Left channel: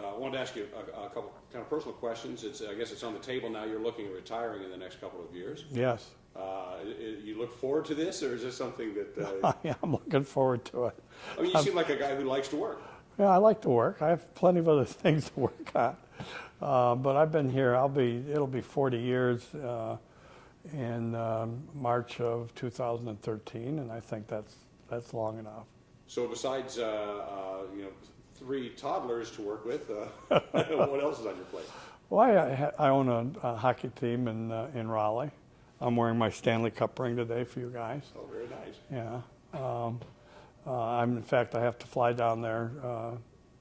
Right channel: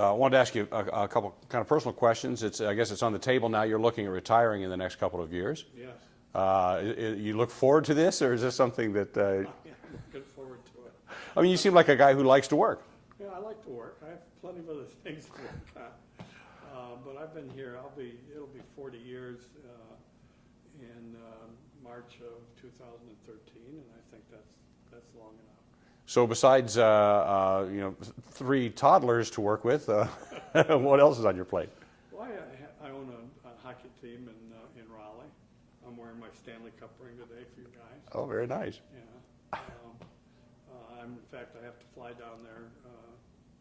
I wanted to ask you a couple kind of personal questions. I guess it's on the table now. You're looking at retiring in the next couple of years. Yes. You look forward to this, or is this something that... Yeah, I'm looking forward to it. I mean, you seem like a guy who likes to work. Yeah, I like to work. I have plenty of other things to work on. But I've been here, it'll be 40 years in March of 2013, and I think that's long enough. So besides, 3 toddlers to work with, what else is on your plate? Well, I own a hockey team in Raleigh. I'm wearing my Stanley Cup ring today for you guys. Oh, very nice. Yeah. In fact, I have to fly down there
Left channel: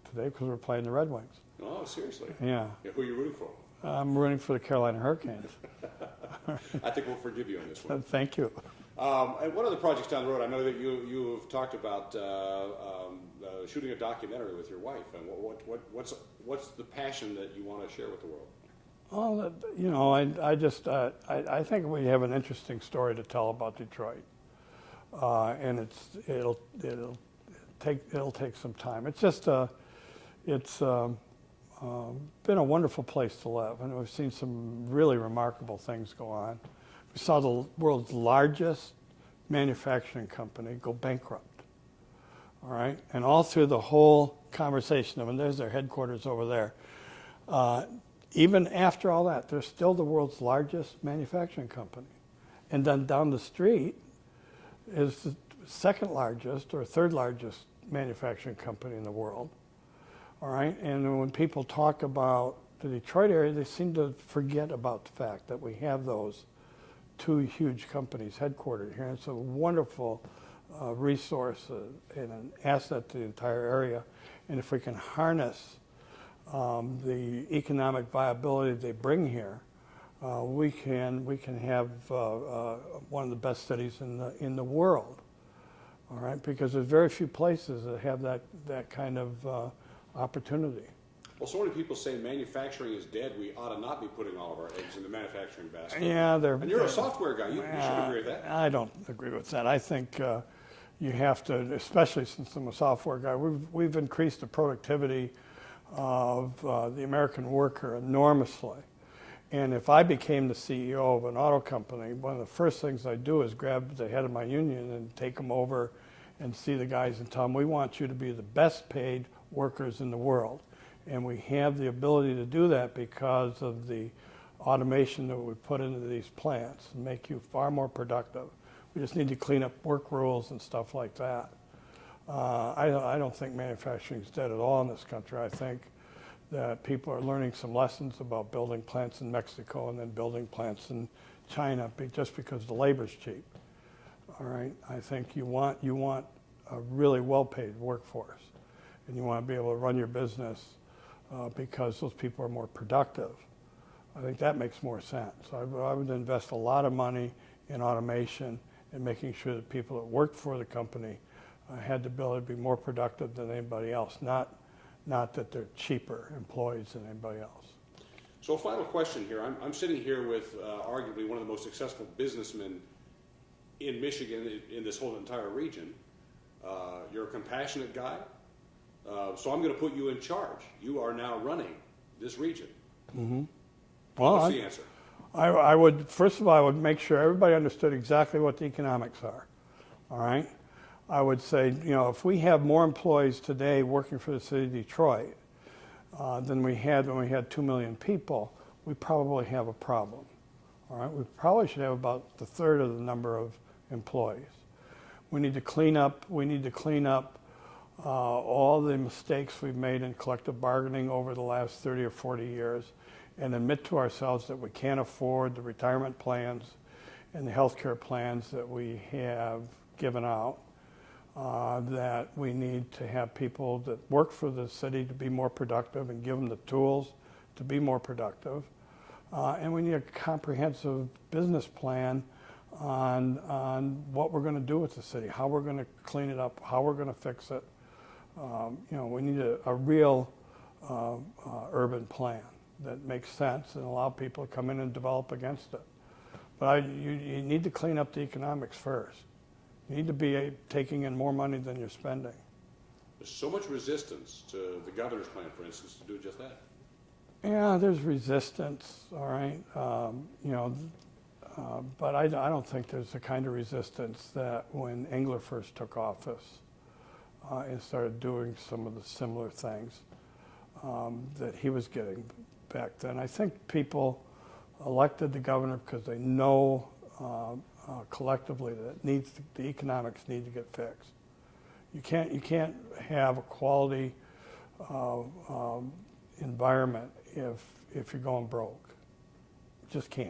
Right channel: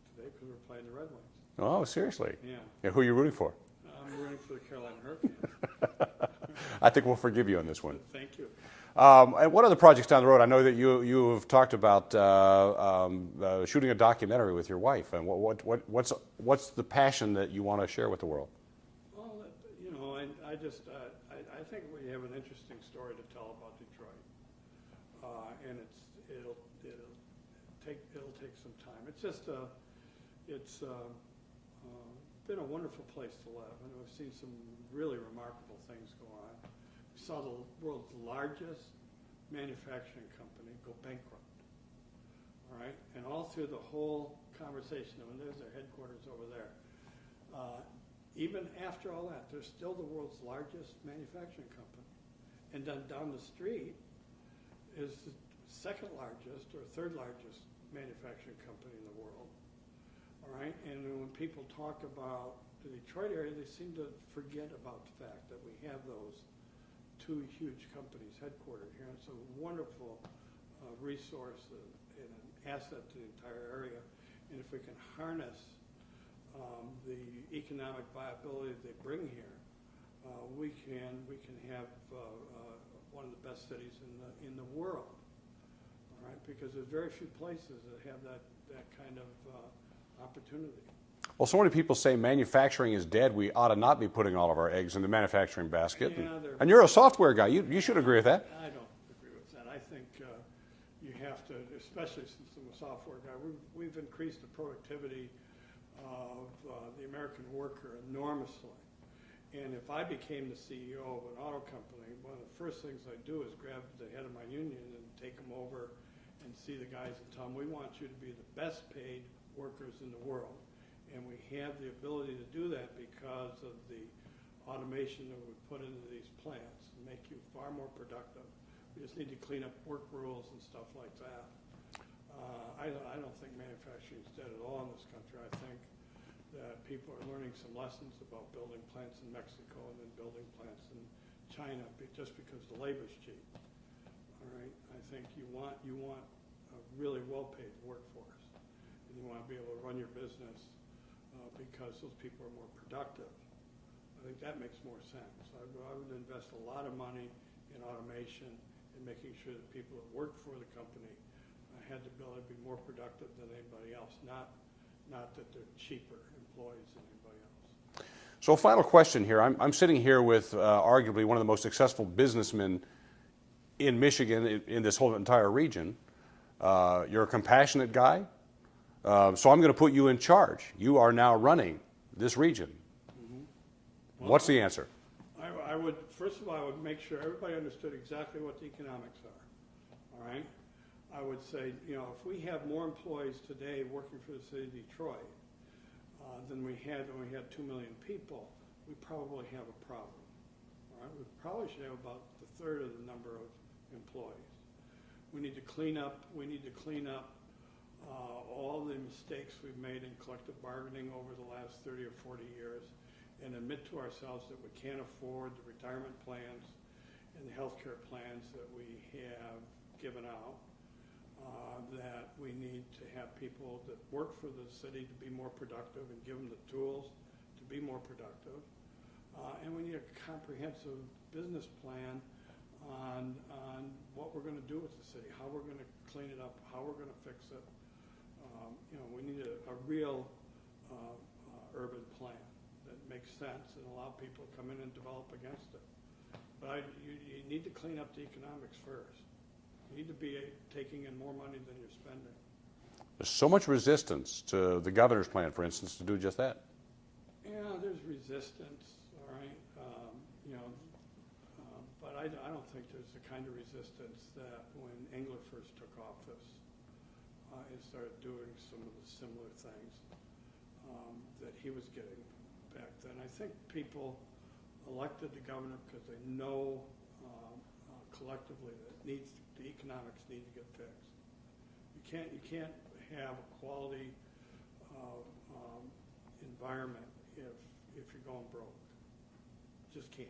today because we're playing the Red Wings. Oh, seriously? Yeah. Who are you rooting for? I'm rooting for the Carolina Hurricanes. I think we'll forgive you on this one. Thank you. And what other projects down the road? I know that you have talked about shooting a documentary with your wife. And what's the passion that you want to share with the world? Well, I think we have an interesting story to tell about Detroit, and it'll take some time. It's been a wonderful place to live, and we've seen some really remarkable things go on. We saw the world's largest manufacturing company go bankrupt. All right, and all through the whole conversation, and there's their headquarters over there. Even after all that, they're still the world's largest manufacturing company. And then down the street is the second largest or third largest manufacturing company in the world. All right, and when people talk about the Detroit area, they seem to forget about the fact that we have those 2 huge companies headquartered here. It's a wonderful resource and an asset to the entire area. And if we can harness the economic viability they bring here, we can have one of the best cities in the world. All right, because there's very few places that have that kind of opportunity. Well, so many people say manufacturing is dead. We ought to not be putting all of our eggs in the manufacturing basket. Yeah, and you're a software guy. You should agree with that. I don't agree with that. I think you have to, especially since I'm a software guy, we've increased the productivity of the American worker enormously. And if I became the CEO of an auto company, one of the first things I'd do is grab the head of my union and take them over and see the guys and tell them, we want you to be the best paid workers in the world. And we have the ability to do that because of the automation that we put into these plants and make you far more productive. We just need to clean up work rules and stuff like that. I don't think manufacturing is dead at all in this country. I think that people are learning some lessons about building plants in Mexico and then building plants in China just because the labor's cheap. All right, I think you want a really well-paid workforce, and you want to be able to run your business because those people are more productive. I think that makes more sense. I would invest a lot of money in automation and making sure that people that work for the company had the ability to be more productive than anybody else, not that they're cheaper employees than anybody else. So a final question here. I'm sitting here with arguably one of the most successful businessmen in Michigan, in this whole entire region. You're a compassionate guy. So I'm going to put you in charge. You are now running this region. Mm-hmm. Well, what's the answer? I would, first of all, I would make sure everybody understood exactly what the economics are. All right? I would say, if we have more employees today working for the city of Detroit than we had when we had 2 million people, we probably have a problem. All right? We probably should have about the third of the number of employees. We need to clean up. All the mistakes we've made in collective bargaining over the last 30 or 40 years and admit to ourselves that we can't afford the retirement plans and the health care plans that we have given out, that we need to have people that work for the city to be more productive and give them the tools to be more productive. And we need a comprehensive business plan on what we're going to do with the city, how we're going to clean it up, how we're going to fix it. We need a real urban plan that makes sense and allow people to come in and develop against it. But you need to clean up the economics first. You need to be taking in more money than you're spending. There's so much resistance to the governor's plan, for instance, to do just that. Yeah, there's resistance, all right. But I don't think there's the kind of resistance that when Engler first took office and started doing some of the similar things that he was getting back then. I think people elected the governor because they know collectively that the economics need to get fixed. You can't have a quality environment if you're going broke. You just can't.